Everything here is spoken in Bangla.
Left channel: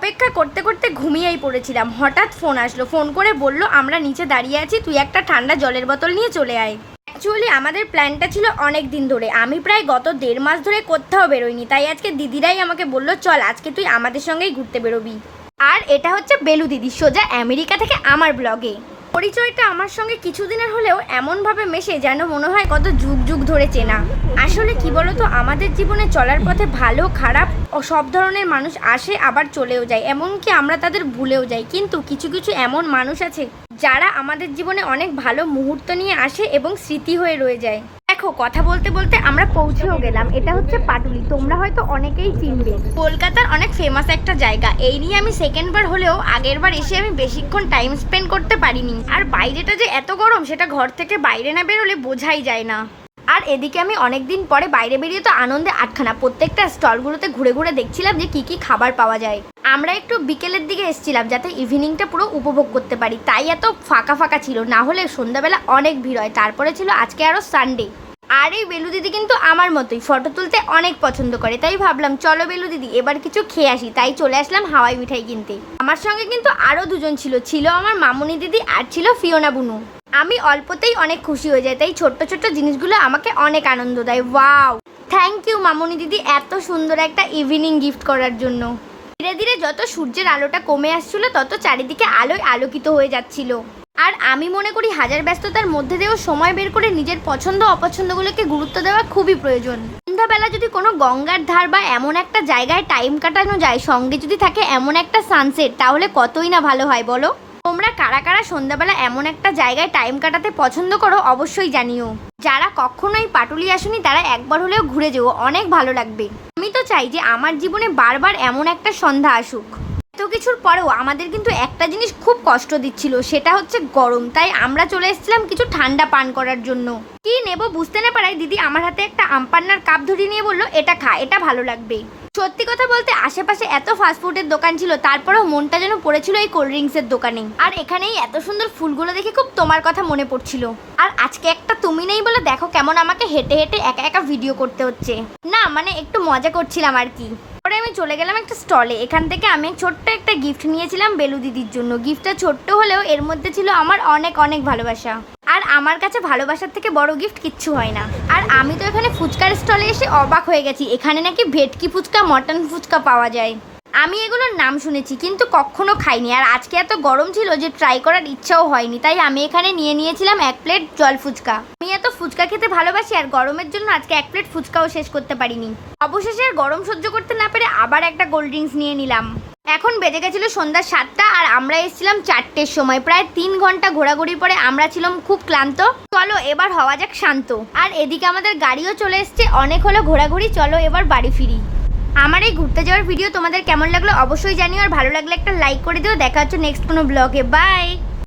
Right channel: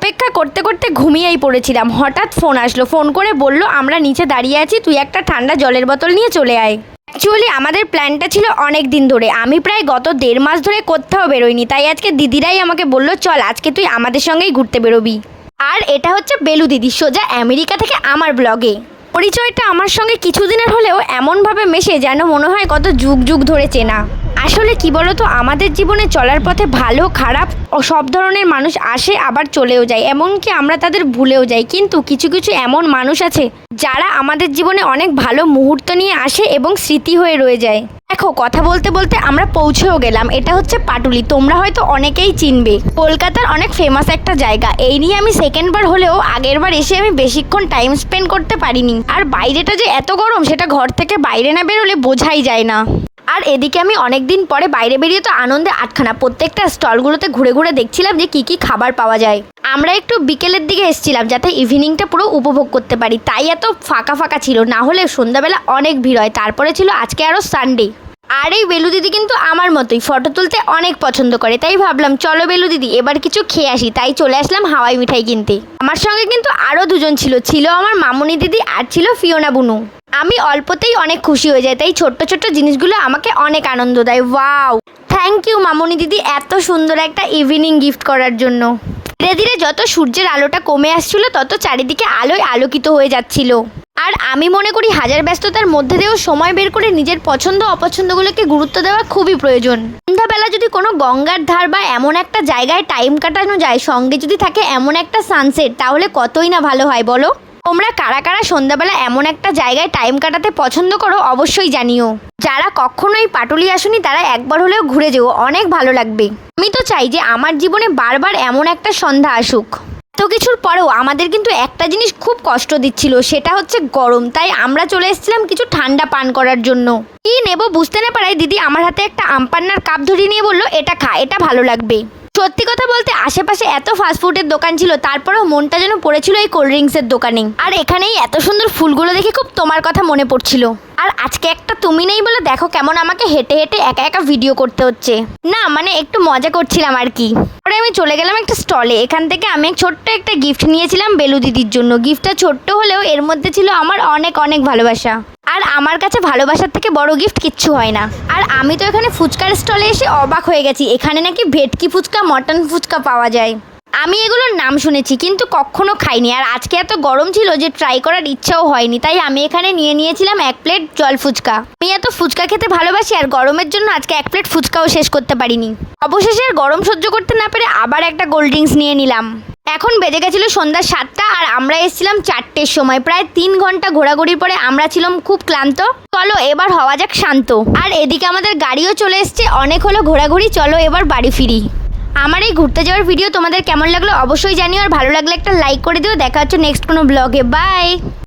অপেক্ষা করতে করতে ঘুমিয়েই পড়েছিলাম। হঠাৎ ফোন আসলো, ফোন করে বলল আমরা নিচে দাঁড়িয়ে আছি, তুই একটা ঠান্ডা জলের বোতল নিয়ে চলে আয়। অ্যাকচুয়ালি আমাদের প্ল্যানটা ছিল অনেক দিন ধরে, আমি প্রায় গত 1.5 মাস ধরে কোথাও বেরোইনি, তাই আজকে দিদিরাই আমাকে বললো চল আজকে তুই আমাদের সঙ্গেই ঘুরতে বেরোবি। আর এটা হচ্ছে বেলু দিদি, সোজা আমেরিকা থেকে আমার ব্লগে। পরিচয়টা আমার সঙ্গে কিছুদিনের হলেও এমনভাবে মেশে যেন মনে হয় কত যুগ যুগ ধরে চেনা। আসলে কি বলতো, আমাদের জীবনে চলার পথে ভালো খারাপ ও সব ধরনের মানুষ আসে আবার চলেও যায়, এমনকি আমরা তাদের ভুলেও যাই। কিন্তু কিছু কিছু এমন মানুষ আছে যারা আমাদের জীবনে অনেক ভালো মুহূর্ত নিয়ে আসে এবং স্মৃতি হয়ে রয়ে যায়। দেখো, কথা বলতে বলতে আমরা পৌঁছেও গেলাম। এটা হচ্ছে পাটুলি, তোমরা হয়তো অনেকেই চিনবে, কলকাতার অনেক ফেমাস একটা জায়গা। এই নিয়ে আমি সেকেন্ডবার হলেও আগের বার এসে আমি বেশিক্ষণ টাইম স্পেন্ড করতে পারিনি। আর বাইরেটা যে এত গরম সেটা ঘর থেকে বাইরে না বেরোলে বোঝাই যায় না। আর এদিকে আমি অনেক দিন পরে বাইরে বেরিয়ে তো আনন্দে আটখানা, প্রত্যেকটা স্টলগুলোতে ঘুরে ঘুরে দেখছিলাম যে কি কি খাবার পাওয়া যায়। আমরা একটু বিকেলের দিকে এসেছিলাম যাতে ইভিনিংটা পুরো উপভোগ করতে পারি, তাই এত ফাঁকা ফাঁকা ছিল, না হলে সন্ধ্যাবেলা অনেক ভিড় হয়। তারপরে ছিল আজকে আরও সানডে। আর এই বেলু দিদি কিন্তু আমার মতোই ফটো তুলতে অনেক পছন্দ করে, তাই ভাবলাম চলো বেলু দিদি এবার কিছু খেয়ে আসি, তাই চলে আসলাম হাওয়াই মিঠাই কিনতে। আমার সঙ্গে কিন্তু আরও দুজন ছিল আমার মামুনি দিদি আর ছিল ফিওনা বুনু। আমি অল্পতেই অনেক খুশি হয়ে যাই, তাই ছোট্ট ছোট্ট জিনিসগুলো আমাকে অনেক আনন্দ দেয়। ওয়াও, থ্যাংক ইউ মামুনি দিদি এত সুন্দর একটা ইভিনিং গিফট করার জন্য। ধীরে ধীরে যত সূর্যের আলোটা কমে আসছিল তত চারিদিকে আলোয় আলোকিত হয়ে যাচ্ছিল। আর আমি মনে করি হাজার ব্যস্ততার মধ্যে দিয়েও সময় বের করে নিজের পছন্দ অপছন্দগুলোকে গুরুত্ব দেওয়া খুবই প্রয়োজন। সন্ধ্যাবেলা যদি কোনো গঙ্গার ধার বা এমন একটা জায়গায় টাইম কাটানো যায়, সঙ্গে যদি থাকে এমন একটা সানসেট, তাহলে কতই না ভালো হয় বলো। তোমরা কারা কারা সন্ধ্যাবেলা এমন একটা জায়গায় টাইম কাটাতে পছন্দ করো অবশ্যই জানিও। যারা কখনোই পাটুলি আসুনি তারা একবার হলেও ঘুরে যেও, অনেক ভালো লাগবে। আমি তো চাই যে আমার জীবনে বারবার এমন একটা সন্ধ্যা আসুক। এত কিছুর পরেও আমাদের কিন্তু একটা জিনিস খুব কষ্ট দিচ্ছিল, সেটা হচ্ছে গরম, তাই আমরা চলে এসেছিলাম কিছু ঠান্ডা পান করার জন্য। কি নেব বুঝতে না পারায় দিদি আমার হাতে একটা আমপান্নার কাপ ধরিয়ে নিয়ে বললো এটা খা, এটা ভালো লাগবে। সত্যি কথা বলতে আশেপাশে এত ফাস্টফুডের দোকান ছিল, তারপরেও মনটা যেন পড়েছিল এই কোল্ড ড্রিঙ্কসের দোকানে। আর এখানেই এত সুন্দর ফুলগুলো দেখে খুব তোমার কথা মনে পড়ছিল। আর আজকে একটা তুমি নেই বলে দেখো কেমন আমাকে হেঁটে হেঁটে একা একা ভিডিও করতে হচ্ছে। না মানে একটু মজা করছিলাম আর কি। পরে আমি চলে গেলাম একটা স্টলে, এখান থেকে আমি ছোট্ট একটা গিফট নিয়েছিলাম বেলু দিদির জন্য। গিফটটা ছোট্ট হলেও এর মধ্যে ছিল আমার অনেক অনেক ভালোবাসা। আর আমার কাছে ভালোবাসার থেকে বড় গিফট কিচ্ছু হয় না। আর আমি তো এখানে ফুচকার স্টলে এসে অবাক হয়ে গেছি, এখানে নাকি ভেটকি ফুচকা মটন ফুচকা পাওয়া যায়। আমি এগুলোর নাম শুনেছি কিন্তু কখনো খাইনি, আর আজকে এত গরম ছিল যে ট্রাই করার ইচ্ছাও হয়নি, তাই আমি এখানে নিয়েছিলাম 1 প্লেট জল ফুচকা। আমি এত ফুচকা খেতে ভালোবাসি আর গরমের জন্য আজকে 1 প্লেট ফুচকাও শেষ করতে পারিনি। অবশেষে আর গরম সহ্য করতে না পেরে আবার একটা কোল্ড ড্রিঙ্কস নিয়ে নিলাম। এখন বেজে গেছিল সন্ধ্যা 7টা আর আমরা এসেছিলাম 4টের সময়। প্রায় 3 ঘন্টা ঘোরাঘুরির পরে আমরা ছিলাম খুব ক্লান্ত, চলো এবার হওয়া যাক শান্ত। আর এদিকে আমাদের গাড়িও চলে এসছে, অনেক হলো ঘোরাঘুরি, চলো এবার বাড়ি ফিরি। আমার এই ঘুরতে যাওয়ার ভিডিও তোমাদের কেমন লাগলো অবশ্যই জানিও, আর ভালো লাগলে একটা লাইক করে দিও। দেখা হচ্ছে নেক্সট কোনো ব্লগে, বাই।